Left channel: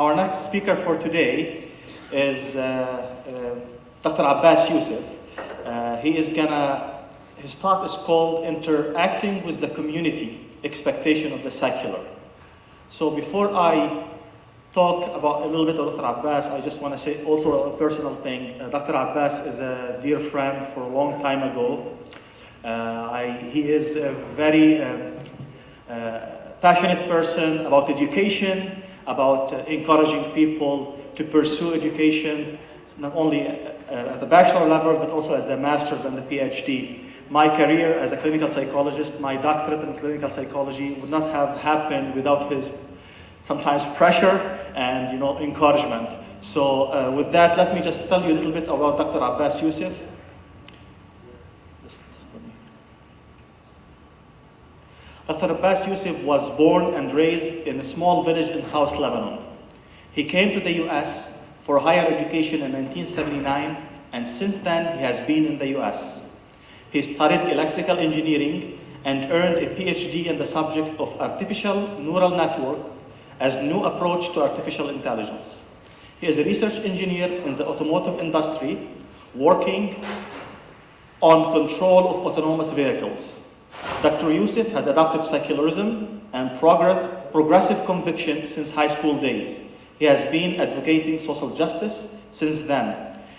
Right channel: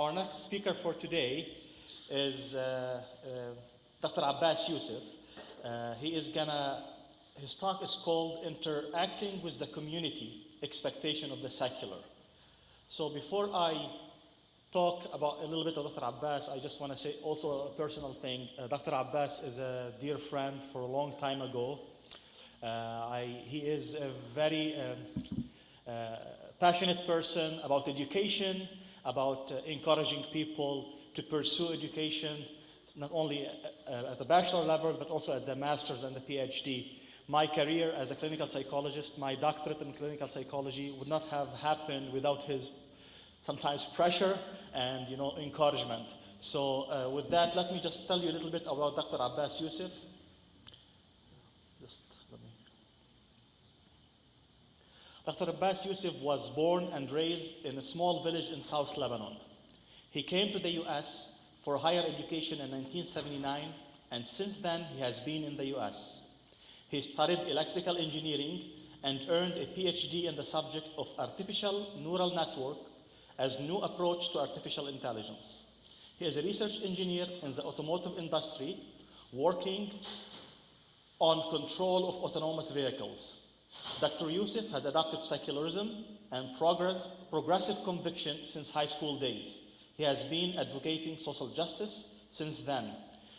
Our next speaker for today is Dr. Abbas Youssef. His talk is called Interacting with the Community, Expectation of the Secular. So before I talk about a little bit of Dr. Abbas, I just want to say also a personal thing. Dr. Abbas is a dear friend for a long time ago. He is a very passionate person about education, about encouraging people to pursue education, not only at the bachelor level, but also at the master's and the PhD. My career as a clinical psychologist, my doctorate in clinical psychology would not have happened without his sometimes pressure and encouragement. So with that, let me just tell you a little bit about Dr. Abbas Youssef. Dr. Abbas Youssef was born and raised in a small village in South Lebanon. He came to the US for higher education in 1979, and since then he has been in the US. He studied electrical engineering and earned a PhD in the subject of artificial neural network as new approach to artificial intelligence. He is a research engineer in the automotive industry, working on control of autonomous vehicles. Dr. Youssef has adopted secularism and progressive conviction since high school days. He has been advocating social justice since then.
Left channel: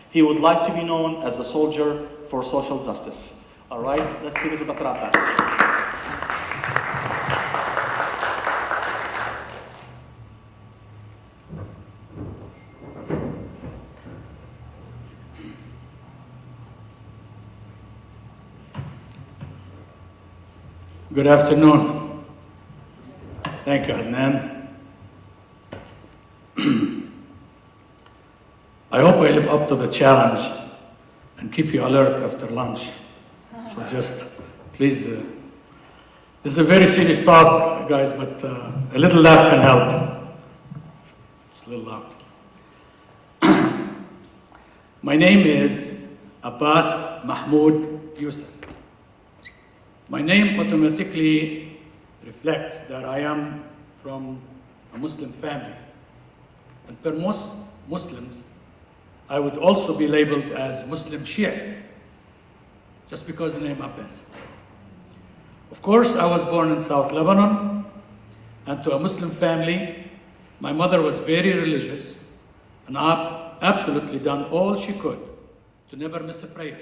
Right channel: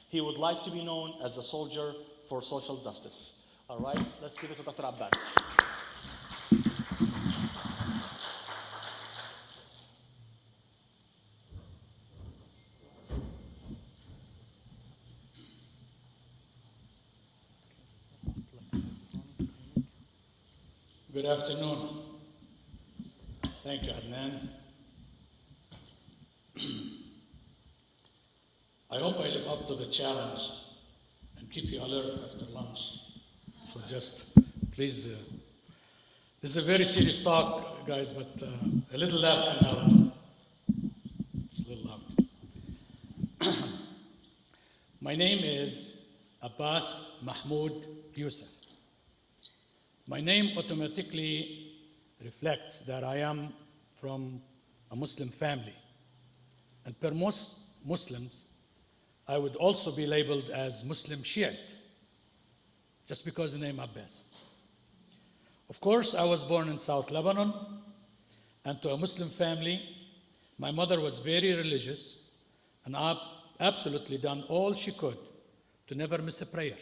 He would like to be known as the soldier for social justice. All right, let's give it to Dr. Abbas. Good afternoon. Thank you, Adnan. I hope I live up to the challenge and keep you alert after lunch. So just, please, this is a very serious talk, guys, but a little laugh can help. It's a little loud. My name is Abbas Mahmoud Youssef. My name automatically reflects that I am from a Muslim family. And per most Muslims, I would also be labeled as Muslim Shiite, just because of the name Abbas. Of course, I was born in South Lebanon, and to a Muslim family. My mother was very religious, and absolutely done all she could to never miss a prayer.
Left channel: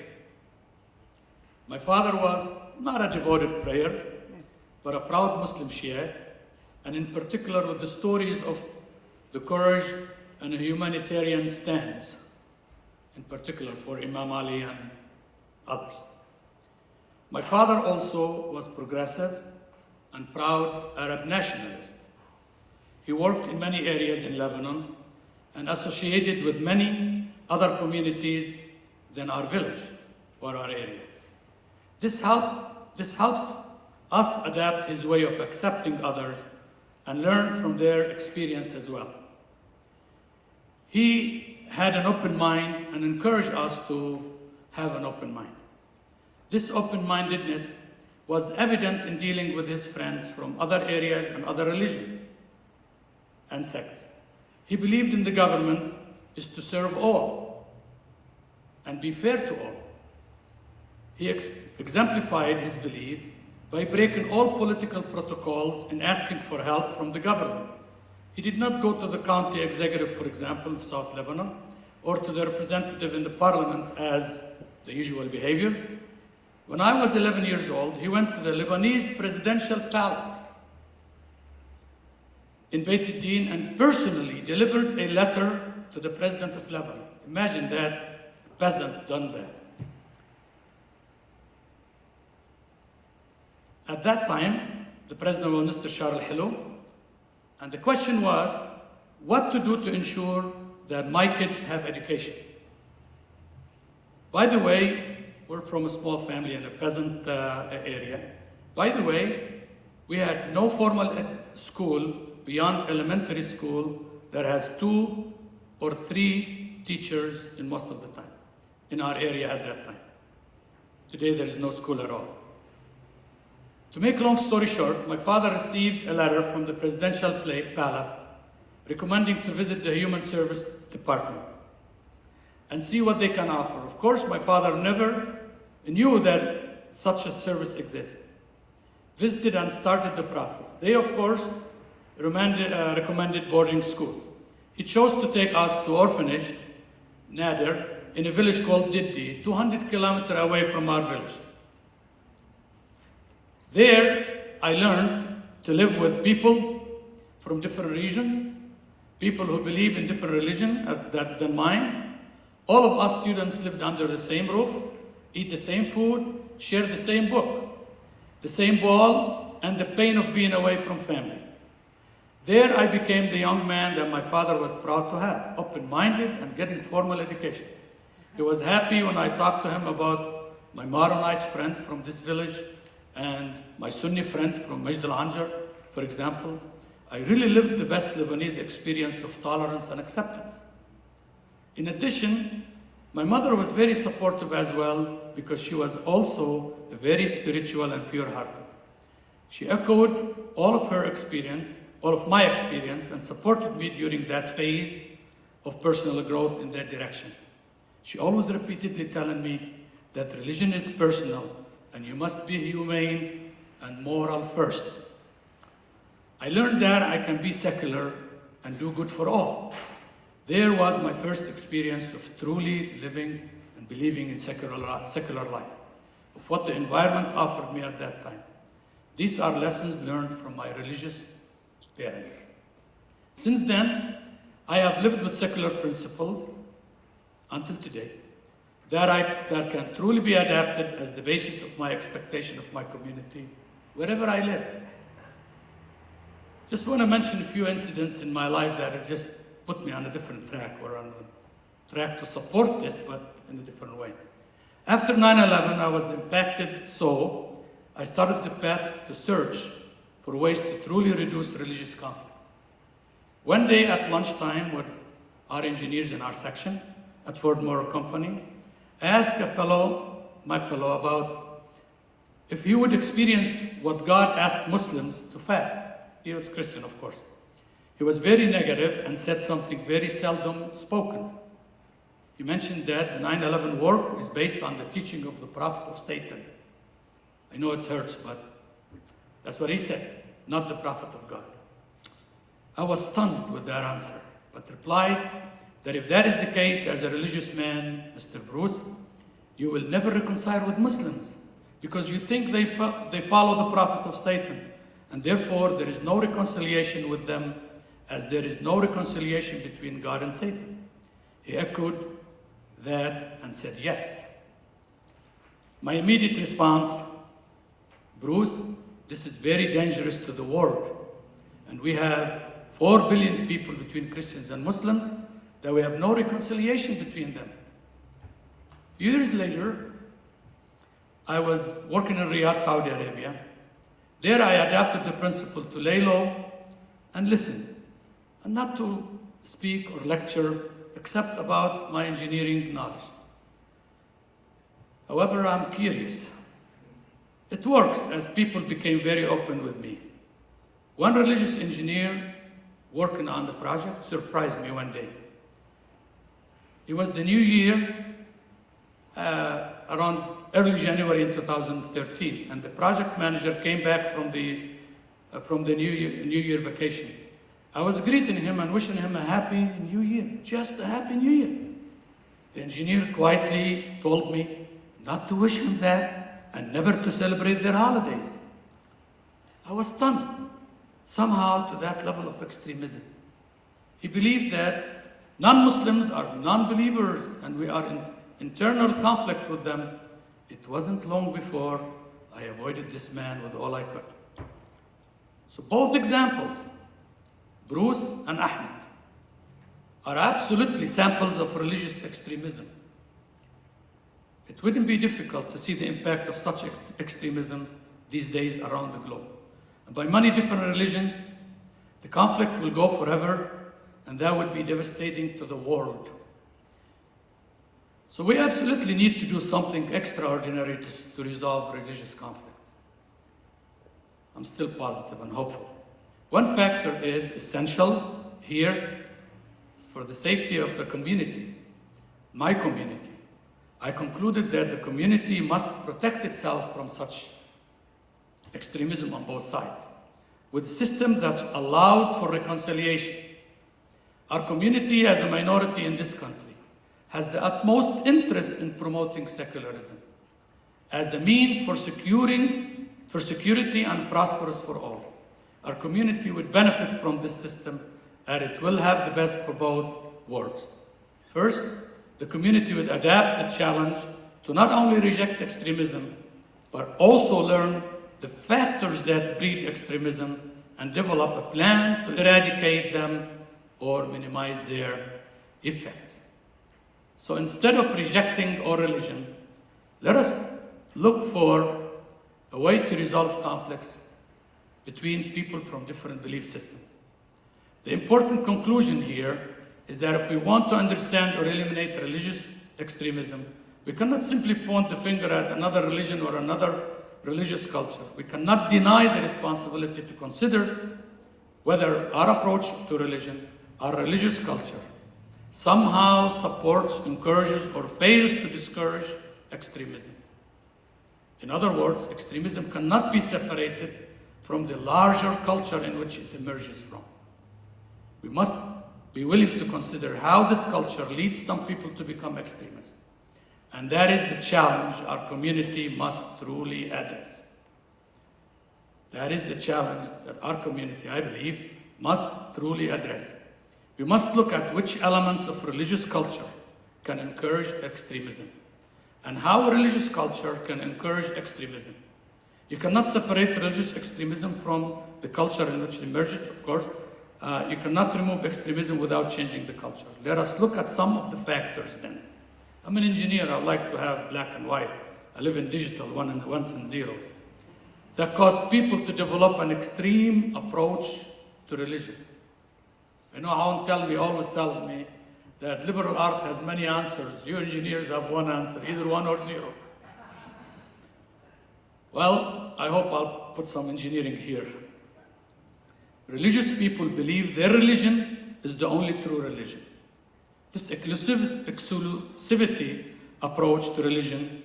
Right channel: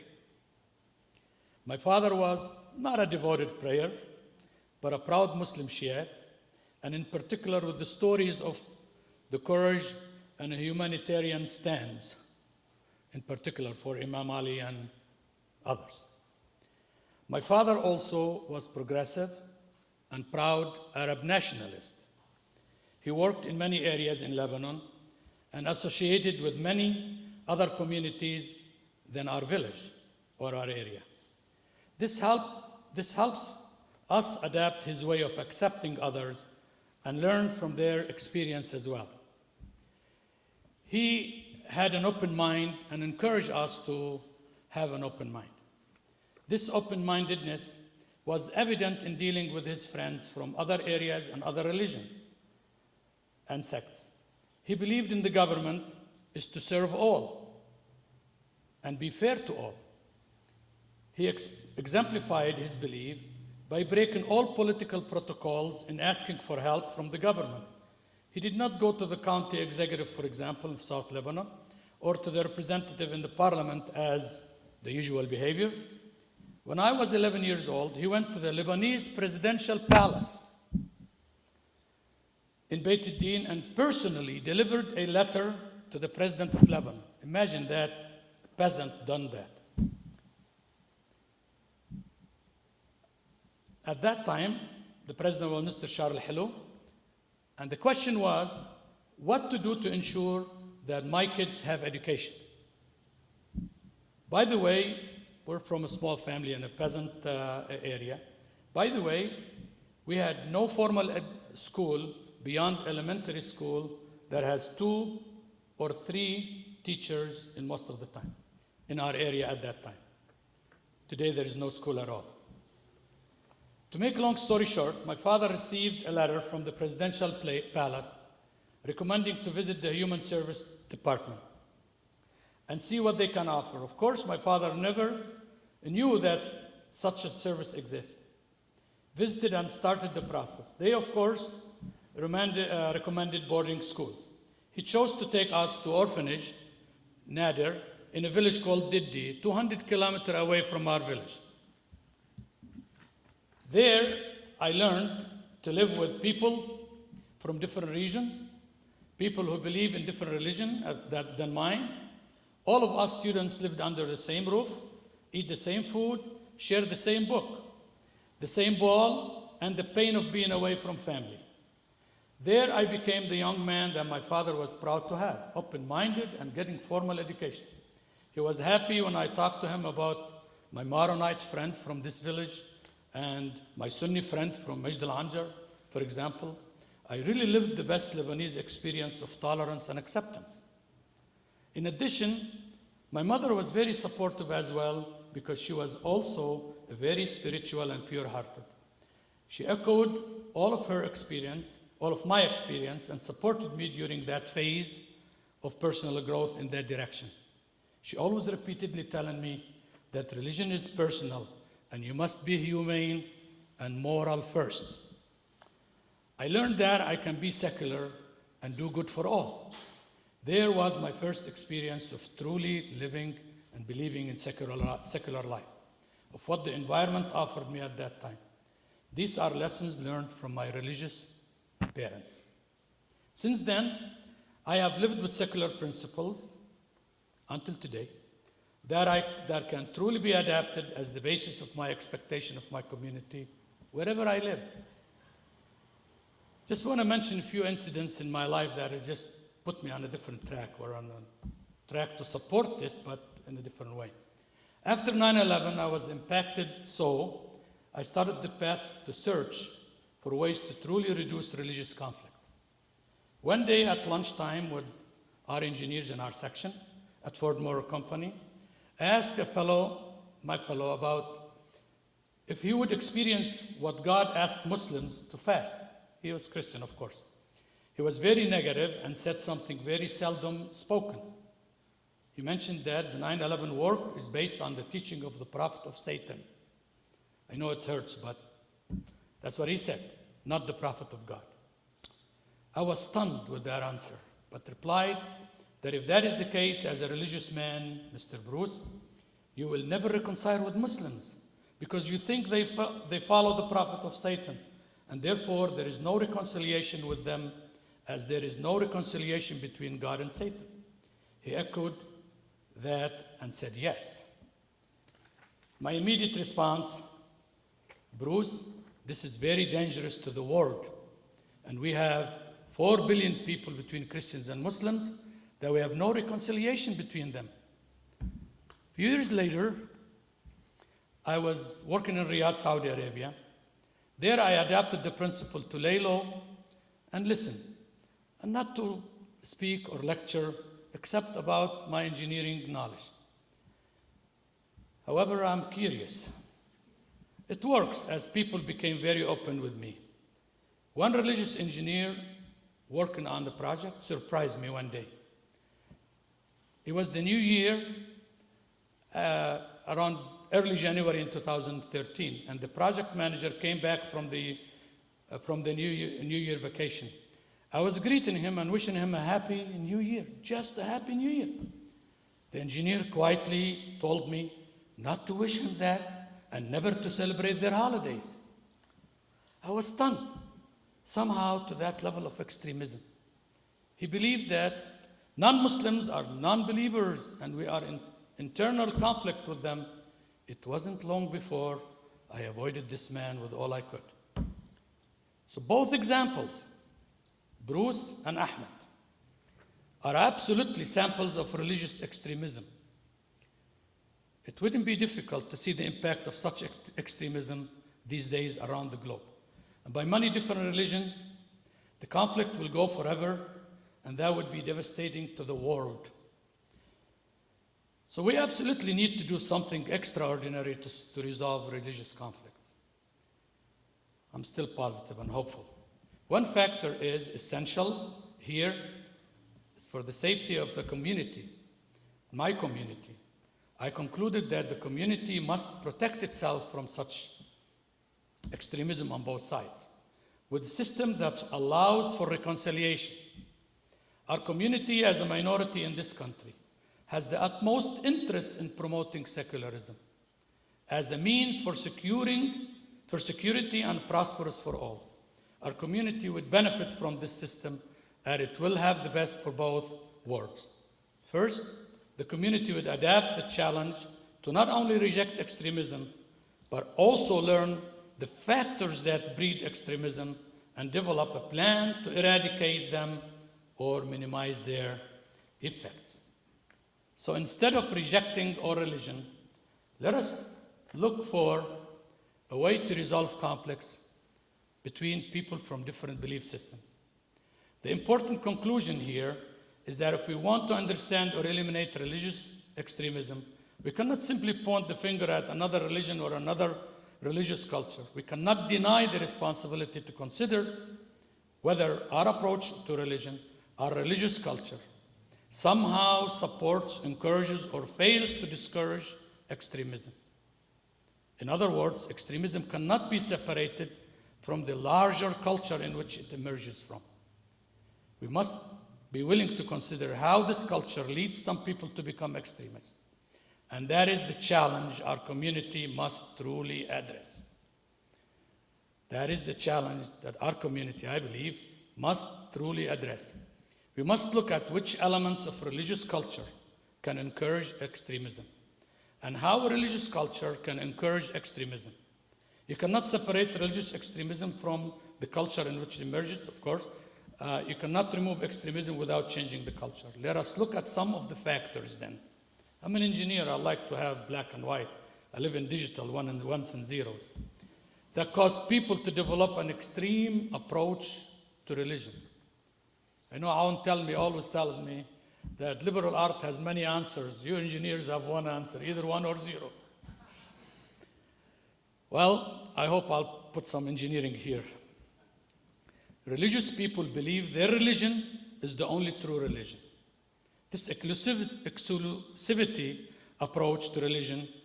My father was not a devoted prayer, but a proud Muslim Shiite, and in particular with the stories of the courage and a humanitarian stance, in particular for Imam Ali and others. My father also was progressive and proud Arab nationalist. He worked in many areas in Lebanon and associated with many other communities than our village or our area. This helps us adapt his way of accepting others and learn from their experience as well. He had an open mind and encouraged us to have an open mind. This open-mindedness was evident in dealing with his friends from other areas and other religions and sects. He believed in the government is to serve all and be fair to all. He exemplified his belief by breaking all political protocols and asking for help from the government. He did not go to the county executive, for example, of South Lebanon, or to the representative in the parliament as the usual behavior. When I was 11 years old, he went to the Lebanese presidential palace in Beit al-Din and personally delivered a letter to the president of Lebanon. Imagine that, a peasant done that. At that time, the president was Mr. Charles Hello, and the question was, what to do to ensure that my kids have education. By the way, we're from a small family in a peasant area. By the way, we had no formal school beyond elementary school that has 2 or 3 teachers in most of the time in our area at that time. Today there is no school at all. To make a long story short, my father received a letter from the presidential palace recommending to visit the Human Service Department and see what they can offer. Of course, my father never knew that such a service existed. Visited and started the process. They, of course, recommended boarding schools. He chose to take us to orphanage, Nader, in a village called Diddi, 200 kilometers away from our village. There, I learned to live with people from different regions, people who believe in different religion than mine. All of us students lived under the same roof, eat the same food, share the same book, the same ball, and the pain of being away from family. There I became the young man that my father was proud to have, open-minded and getting formal education. He was happy when I talked to him about my Maronite friend from this village and my Sunni friend from Majd al-Anjar, for example. I really lived the best Lebanese experience of tolerance and acceptance. In addition, my mother was very supportive as well because she was also very spiritual and pure-hearted. She echoed all of her experience, all of my experience, and supported me during that phase of personal growth in that direction. She always repeatedly telling me that religion is personal and you must be humane and moral first. I learned that I can be secular and do good for all. There was my first experience of truly living and believing in secular life, of what the environment offered me at that time. These are lessons learned from my religious parents. Since then, I have lived with secular principles until today that can truly be adapted as the basis of my expectation of my community, wherever I live. Just want to mention a few incidents in my life that have just put me on a different track, or on a track to support this, but in a different way. After 9/11, I was impacted, so I started the path to search for ways to truly reduce religious conflict. One day at lunchtime with our engineers in our section at Ford Motor Company, I asked my fellow about if he would experience what God asked Muslims to fast. He was Christian, of course. He was very negative and said something very seldom spoken. He mentioned that the 9/11 war is based on the teaching of the prophet of Satan. I know it hurts, but that's what he said, not the prophet of God. I was stunned with that answer, but replied that if that is the case, as a religious man, Mr. Bruce, you will never reconcile with Muslims because you think they follow the prophet of Satan, and therefore there is no reconciliation with them, as there is no reconciliation between God and Satan. He echoed that and said yes. My immediate response, Bruce, this is very dangerous to the world, and we have 4 billion people between Christians and Muslims, that we have no reconciliation between them. A few years later, I was working in Riyadh, Saudi Arabia. There I adapted the principle to lay low and listen, and not to speak or lecture except about my engineering knowledge. However, I'm curious. It works, as people became very open with me. One religious engineer working on the project surprised me one day. It was the new year, around early January in 2013, and the project manager came back from the New Year vacation. I was greeting him and wishing him a happy New Year, just a happy New Year. The engineer quietly told me not to wish him that and never to celebrate their holidays. I was stunned, somehow to that level of extremism. He believed that non-Muslims are non-believers and we are in internal conflict with them. It wasn't long before I avoided this man with all I could. So both examples, Bruce and Ahmed, are absolutely samples of religious extremism. It wouldn't be difficult to see the impact of such extremism these days around the globe. And by many different religions, the conflict will go forever, and that would be devastating to the world. So we absolutely need to do something extraordinary to resolve religious conflicts. I'm still positive and hopeful. One factor is essential, here, for the safety of the community, my community, I concluded that the community must protect itself from such extremism on both sides, with a system that allows for reconciliation. Our community, as a minority in this country, has the utmost interest in promoting secularism as a means for security and prosperous for all. Our community would benefit from this system, and it will have the best for both worlds. First, the community would adapt the challenge to not only reject extremism, but also learn the factors that breed extremism and develop a plan to eradicate them or minimize their effects. So instead of rejecting all religion, let us look for a way to resolve conflicts between people from different belief systems. The important conclusion here is that if we want to understand or eliminate religious extremism, we cannot simply point the finger at another religion or another religious culture. We cannot deny the responsibility to consider whether our approach to religion, our religious culture, somehow supports, encourages, or fails to discourage extremism. In other words, extremism cannot be separated from the larger culture in which it emerges from. We must be willing to consider how this culture leads some people to become extremists. And that is the challenge our community must truly address. That is the challenge that our community, I believe, must truly address. We must look at which elements of religious culture can encourage extremism and how a religious culture can encourage extremism. You cannot separate religious extremism from the culture in which it emerges, of course. You cannot remove extremism without changing the culture. Let us look at some of the factors then. I'm an engineer, I like to have black and white. I live in digital, ones and zeros. That cause people to develop an extreme approach to religion. I know Alan always tells me that liberal art has many answers. You engineers have one answer, either one or zero. Well, I hope I'll put some engineering here. Religious people believe their religion is the only true religion. This exclusivity approach to religion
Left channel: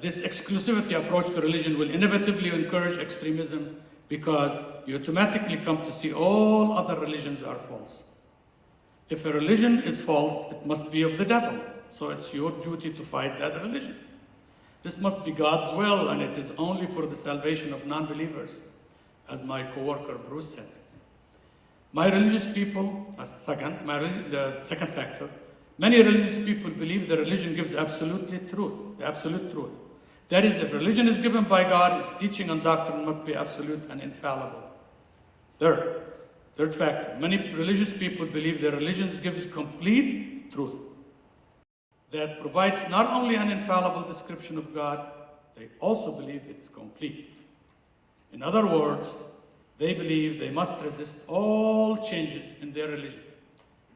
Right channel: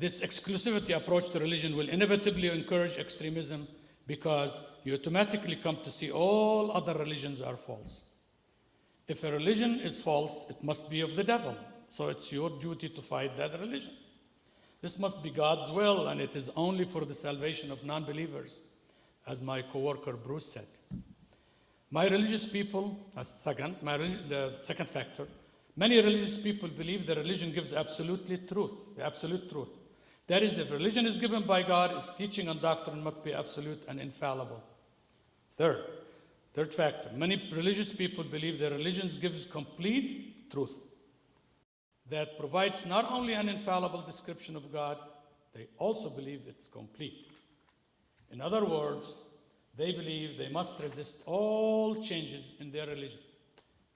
this exclusivity approach to religion will inevitably encourage extremism because you automatically come to see all other religions are false. If a religion is false, it must be of the devil. So it's your duty to fight that religion. This must be God's will, and it is only for the salvation of non-believers, as my co-worker Bruce said. The second factor, many religious people believe that religion gives absolute truth, the absolute truth. That is, if religion is given by God, its teaching and doctrine must be absolute and infallible. Third factor, many religious people believe that religion gives complete truth that provides not only an infallible description of God, they also believe it's complete. In other words, they believe they must resist all changes in their religion.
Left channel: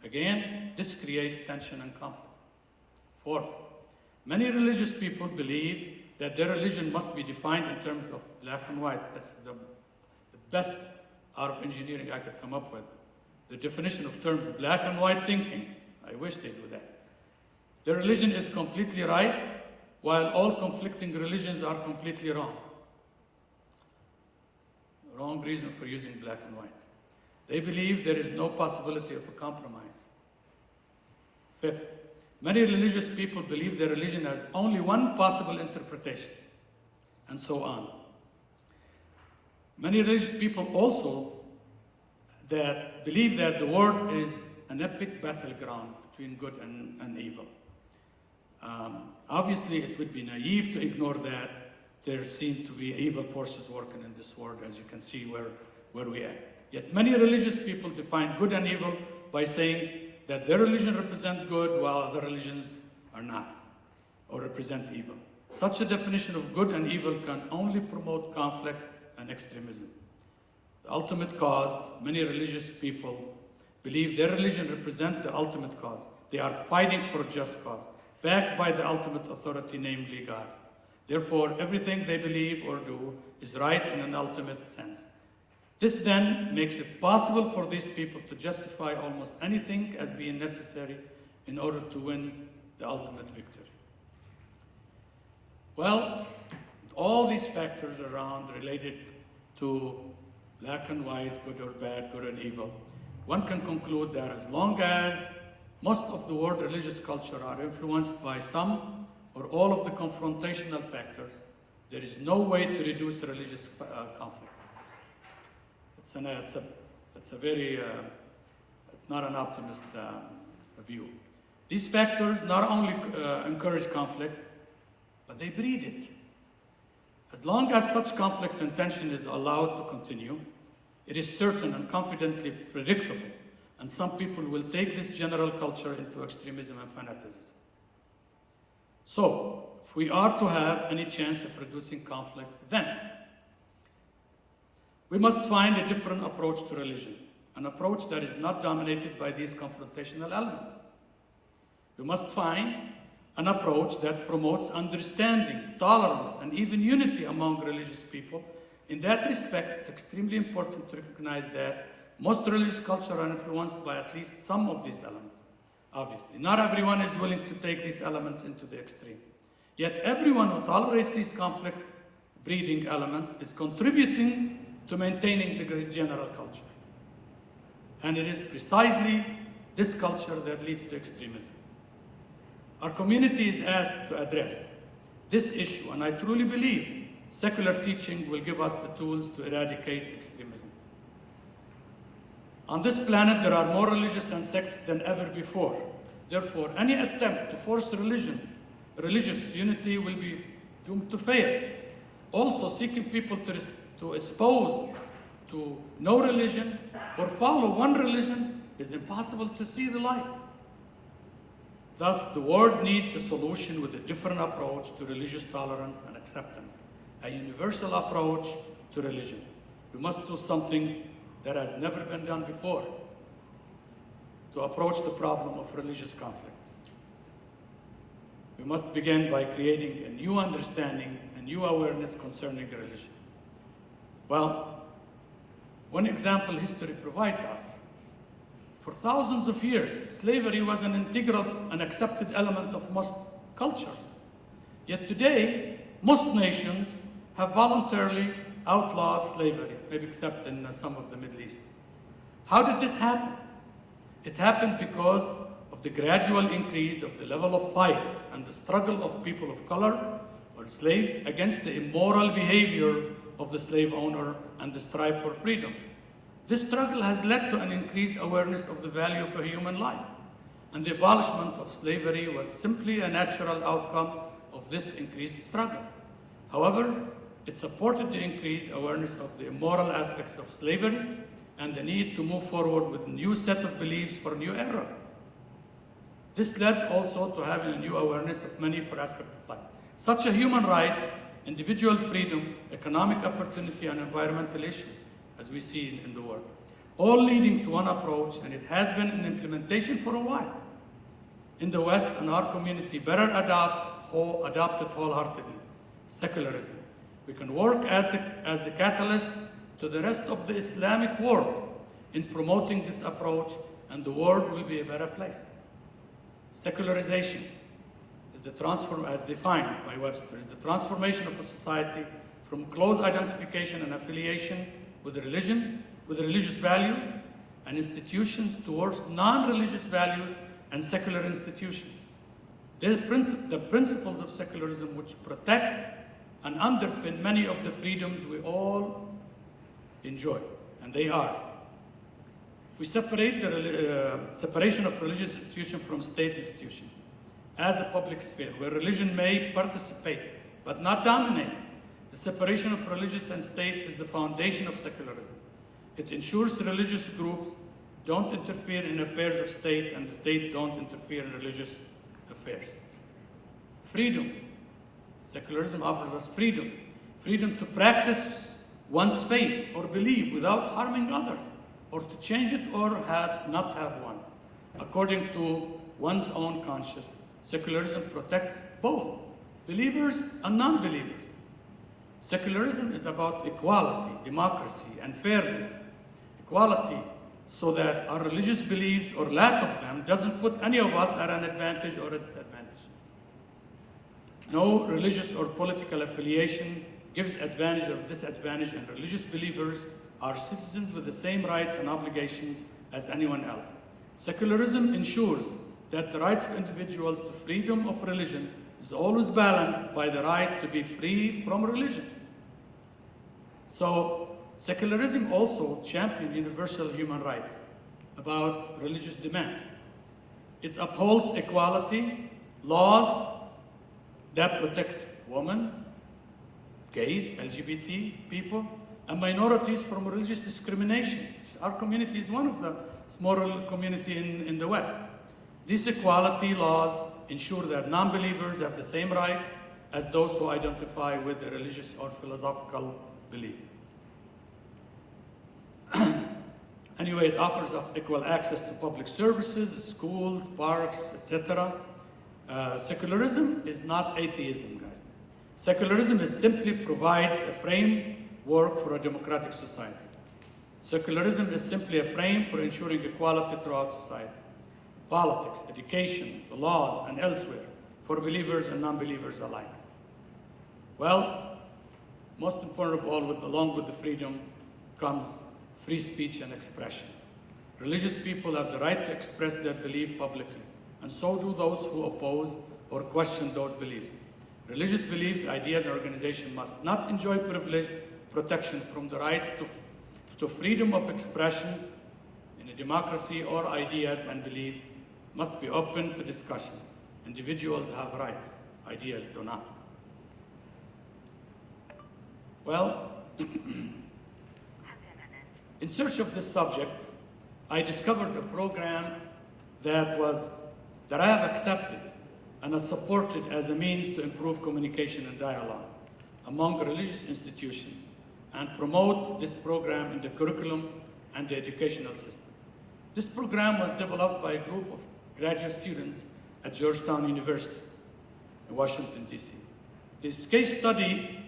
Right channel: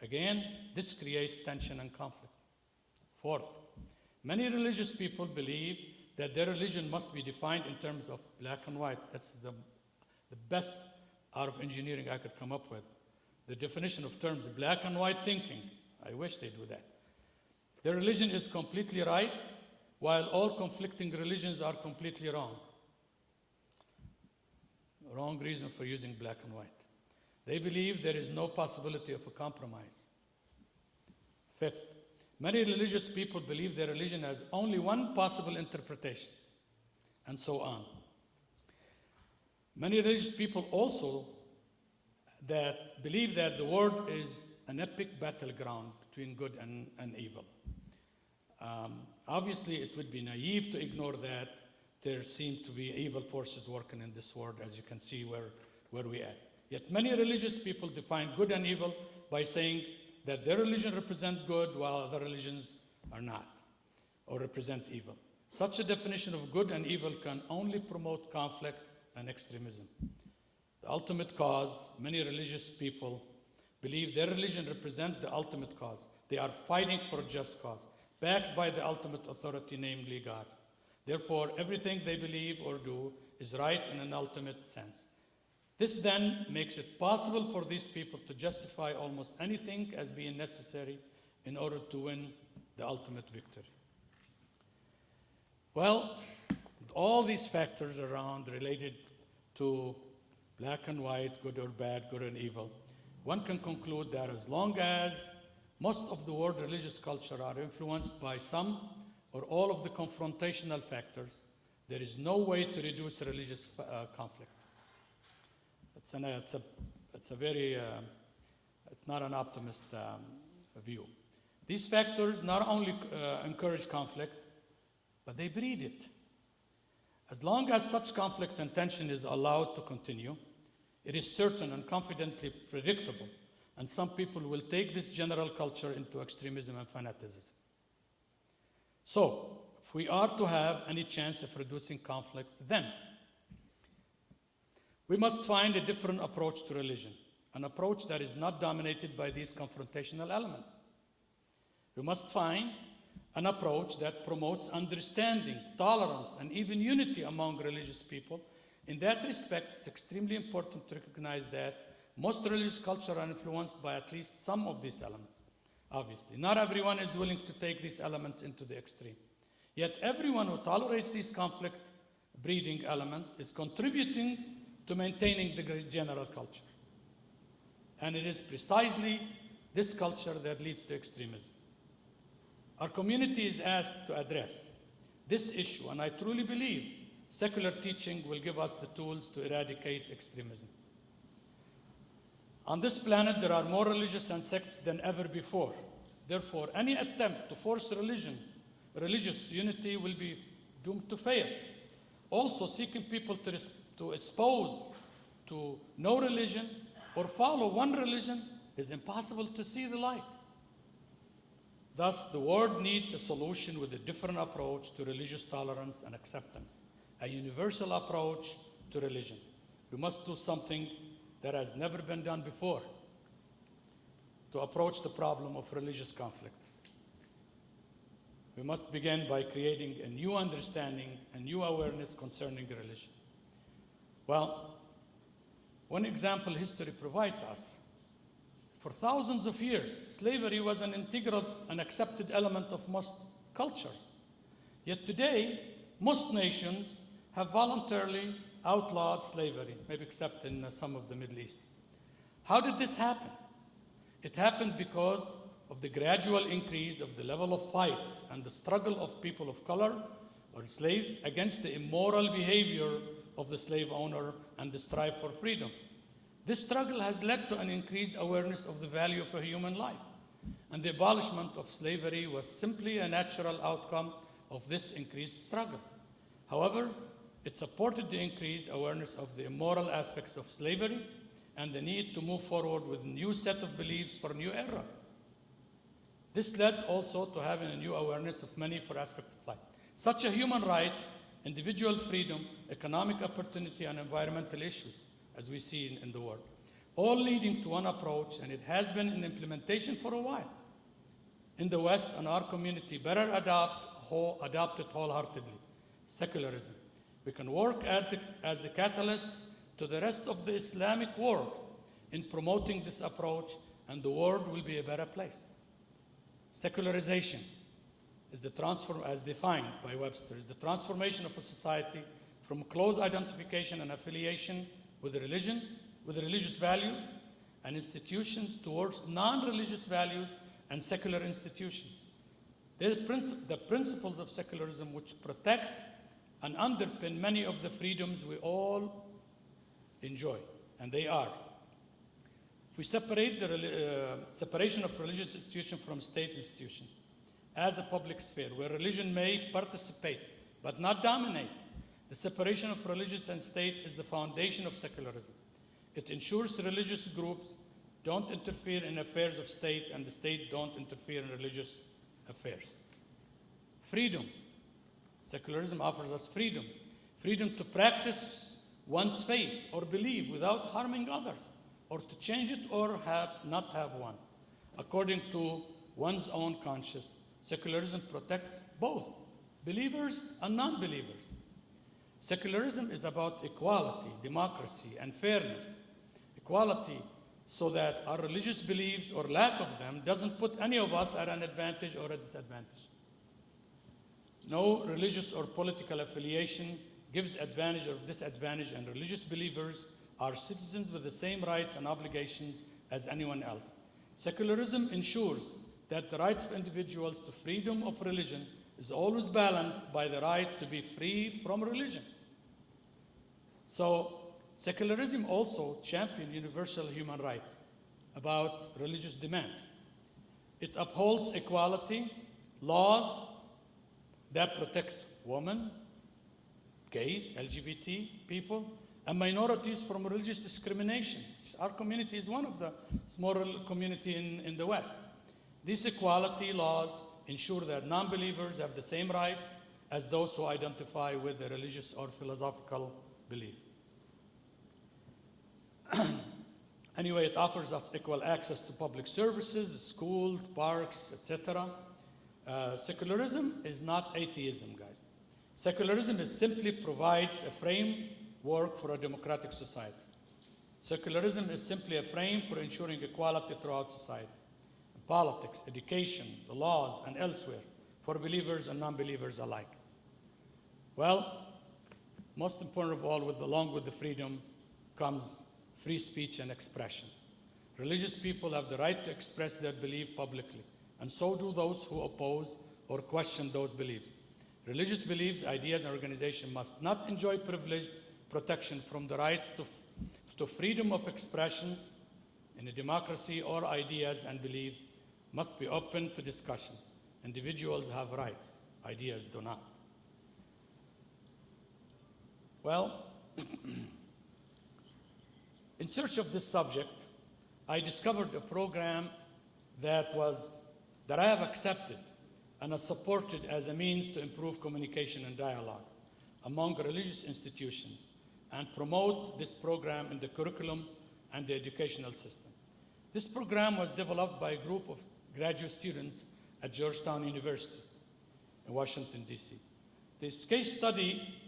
Again, this creates tension and conflict. Fourth, many religious people believe that their religion must be defined in terms of black and white. That's the best out of engineering I could come up with. The definition of terms black and white thinking, I wish they do that. Their religion is completely right, while all conflicting religions are completely wrong. Wrong reason for using black and white. They believe there is no possibility of a compromise. Fifth, many religious people believe their religion has only one possible interpretation, and so on. Many religious people also believe that the world is an epic battleground between good and evil. Obviously, it would be naive to ignore that. There seem to be evil forces working in this world, as you can see where we are. Yet many religious people define good and evil by saying that their religion represents good while other religions are not, or represent evil. Such a definition of good and evil can only promote conflict and extremism. The ultimate cause, many religious people believe their religion represents the ultimate cause. They are fighting for a just cause, backed by the ultimate authority, namely God. Therefore, everything they believe or do is right in an ultimate sense. This then makes it possible for these people to justify almost anything as being necessary in order to win the ultimate victory. Well, all these factors around related to black and white, good or bad, good and evil, one can conclude that as long as most of the world religious culture are influenced by some or all of the confrontational factors, there is no way to reduce religious conflict. It's not an optimist view. These factors not only encourage conflict, but they breed it. As long as such conflict and tension is allowed to continue, it is certain and confidently predictable, and some people will take this general culture into extremism and fanaticism. So, if we are to have any chance of reducing conflict, then we must find a different approach to religion, an approach that is not dominated by these confrontational elements. We must find an approach that promotes understanding, tolerance, and even unity among religious people. In that respect, it's extremely important to recognize that most religious cultures are influenced by at least some of these elements. Obviously, not everyone is willing to take these elements into the extreme. Yet everyone who tolerates these conflict-breeding elements is contributing to maintaining the general culture. And it is precisely this culture that leads to extremism. Our community is asked to address this issue, and I truly believe secular teaching will give us the tools to eradicate extremism. On this planet, there are more religions and sects than ever before. Therefore, any attempt to force religious unity will be doomed to fail. Also, seeking people to espouse to no religion or follow one religion is impossible to see the light. Thus, the world needs a solution with a different approach to religious tolerance and acceptance, a universal approach to religion. We must do something that has never been done before to approach the problem of religious conflict. We must begin by creating a new understanding, a new awareness concerning religion. Well, one example history provides us. For thousands of years, slavery was an integral and accepted element of most cultures. Yet today, most nations have voluntarily outlawed slavery, maybe except in some of the Middle East. How did this happen? It happened because of the gradual increase of the level of fights and the struggle of people of color or slaves against the immoral behavior of the slave owner and the strive for freedom. This struggle has led to an increased awareness of the value of a human life, and the abolishment of slavery was simply a natural outcome of this increased struggle. However, it supported the increased awareness of the immoral aspects of slavery and the need to move forward with a new set of beliefs for a new era. This led also to having a new awareness of many aspects of life, such as human rights, individual freedom, economic opportunity, and environmental issues, as we see in the world, all leading to one approach, and it has been in implementation for a while. In the West, and our community better adopted wholeheartedly secularism. We can work as the catalyst to the rest of the Islamic world in promoting this approach, and the world will be a better place. Secularization is as defined by Webster, is the transformation of a society from close identification and affiliation with religion, with religious values and institutions towards non-religious values and secular institutions. The principles of secularism which protect and underpin many of the freedoms we all enjoy, and they are. If we separate the separation of religious institution from state institution as a public sphere where religion may participate but not dominate, the separation of religious and state is the foundation of secularism. It ensures religious groups don't interfere in affairs of state and the state don't interfere in religious affairs. Freedom. Secularism offers us freedom. Freedom to practice one's faith or belief without harming others, or to change it or not have one, according to one's own conscience. Secularism protects both. believers and non-believers. Secularism is about equality, democracy, and fairness. Equality so that our religious beliefs or lack of them doesn't put any of us at an advantage or a disadvantage. No religious or political affiliation gives advantage or disadvantage, and religious believers are citizens with the same rights and obligations as anyone else. Secularism ensures that the right of individuals to freedom of religion is always balanced by the right to be free from religion. So, secularism also champions universal human rights about religious demands. It upholds equality, laws that protect women, gays, LGBT people, and minorities from religious discrimination. Our community is one of the small community in the West. These equality laws ensure that non-believers have the same rights as those who identify with a religious or philosophical belief. Anyway, it offers us equal access to public services, schools, parks, etc. Secularism is not atheism, guys. Secularism simply provides a framework for a democratic society. Secularism is simply a frame for ensuring equality throughout society. Politics, education, the laws, and elsewhere, for believers and non-believers alike. Well, most important of all, along with the freedom comes free speech and expression. Religious people have the right to express their belief publicly, and so do those who oppose or question those beliefs. Religious beliefs, ideas, and organizations must not enjoy privilege, protection from the right to freedom of expression in a democracy, or ideas and beliefs must be open to discussion. Individuals have rights, ideas do not. Well, in search of this subject, I discovered a program that I have accepted and is supported as a means to improve communication and dialogue among religious institutions and promote this program in the curriculum and the educational system. This program was developed by a group of graduate students at Georgetown University in Washington, D.C. This case study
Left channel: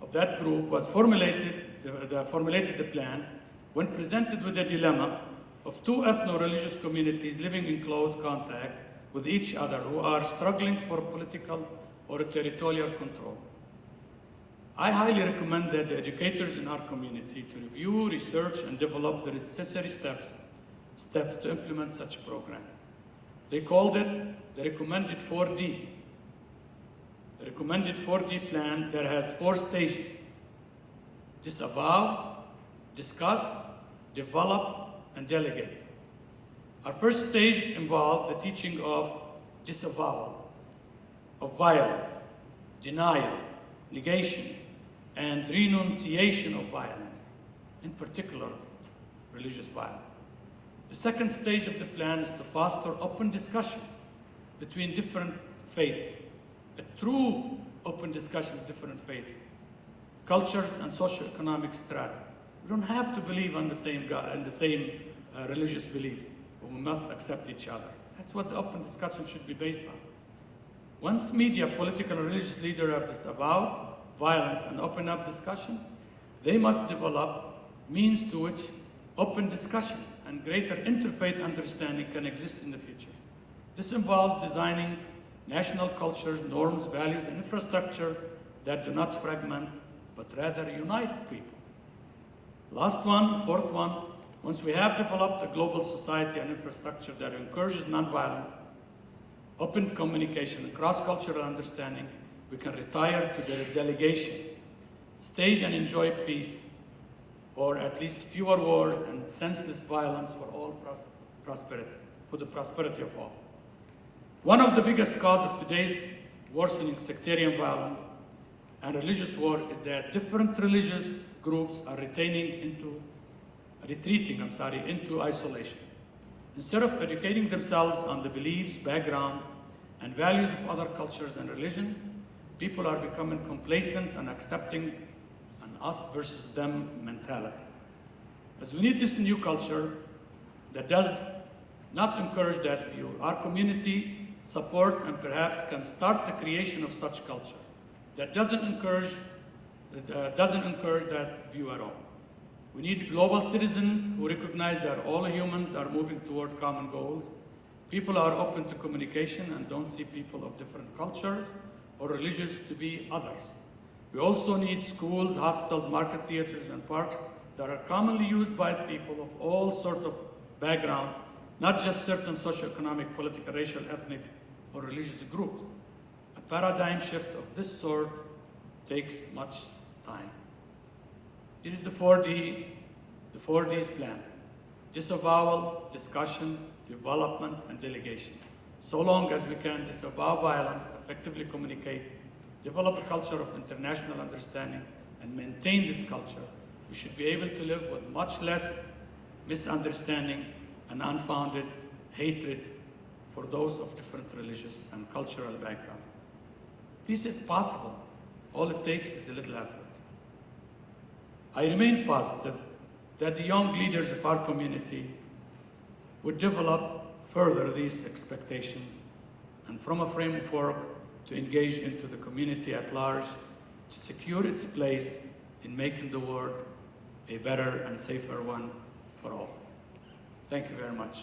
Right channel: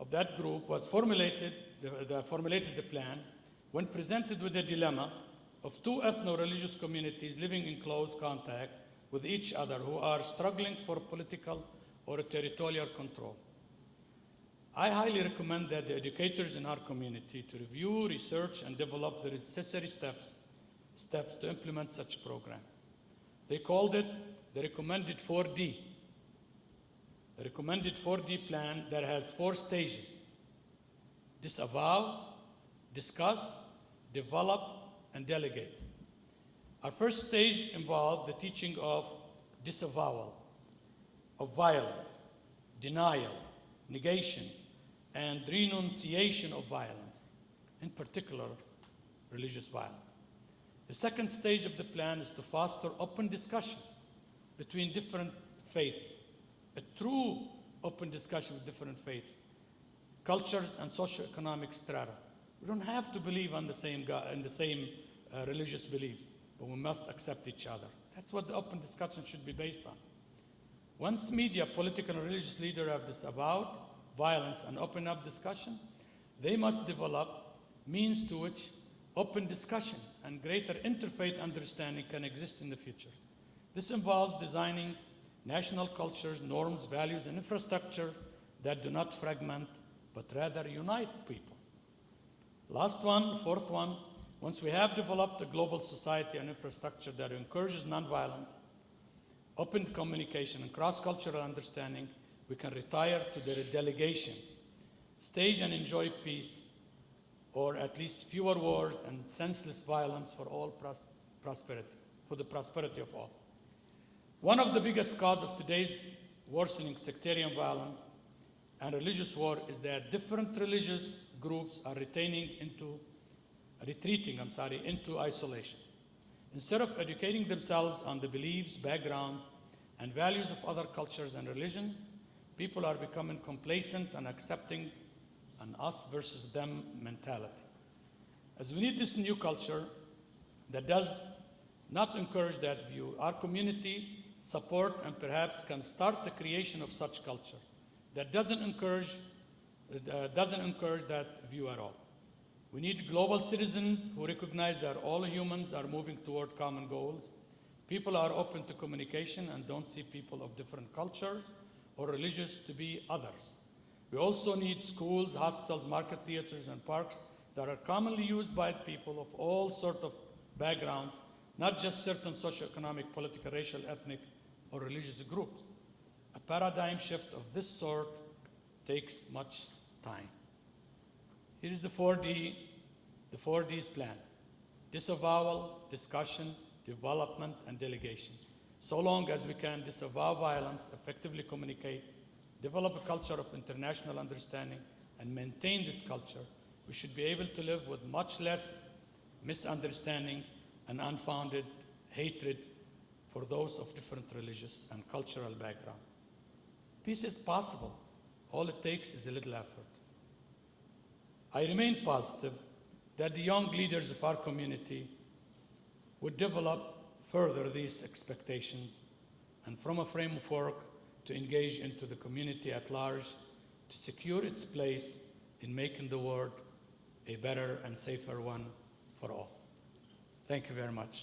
of that group was formulated the plan when presented with the dilemma of two ethno-religious communities living in close contact with each other who are struggling for political or territorial control. I highly recommend that the educators in our community to review, research, and develop the necessary steps to implement such a program. They called it the recommended 4D. The recommended 4D plan that has 4 stages: disavow, discuss, develop, and delegate. Our first stage involved the teaching of disavowal, of violence, denial, negation, and renunciation of violence, in particular, religious violence. The second stage of the plan is to foster open discussion between different faiths, a true open discussion of different faiths, cultures, and socioeconomic strata. We don't have to believe on the same God and the same religious beliefs, but we must accept each other. That's what the open discussion should be based on. Once media, political, and religious leaders have disavowed violence and opened up discussion, they must develop means to which open discussion and greater interfaith understanding can exist in the future. This involves designing national cultures, norms, values, and infrastructure that do not fragment, but rather unite people. Last one, fourth one, once we have developed a global society and infrastructure that encourages nonviolence, open communication, and cross-cultural understanding, we can retire to the delegation, stage and enjoy peace, or at least fewer wars and senseless violence for all prosperity, for the prosperity of all. One of the biggest causes of today's worsening sectarian violence and religious war is that different religious groups are retreating into isolation. Instead of educating themselves on the beliefs, backgrounds, and values of other cultures and religion, people are becoming complacent and accepting an us versus them mentality. As we need this new culture that does not encourage that view, our community support and perhaps can start the creation of such culture that doesn't encourage that view at all. We need global citizens who recognize that all humans are moving toward common goals. People are open to communication and don't see people of different cultures or religions to be others. We also need schools, hospitals, market theaters, and parks that are commonly used by people of all sorts of backgrounds, not just certain socioeconomic, political, racial, ethnic, or religious groups. A paradigm shift of this sort takes much time. Here is the 4Ds plan: disavowal, discussion, development, and delegation. So long as we can disavow violence, effectively communicate, develop a culture of international understanding, and maintain this culture, we should be able to live with much less misunderstanding and unfounded hatred for those of different religious and cultural background. Peace is possible. All it takes is a little effort. I remain positive that the young leaders of our community would develop further these expectations and from a framework to engage into the community at large to secure its place in making the world a better and safer one for all. Thank you very much.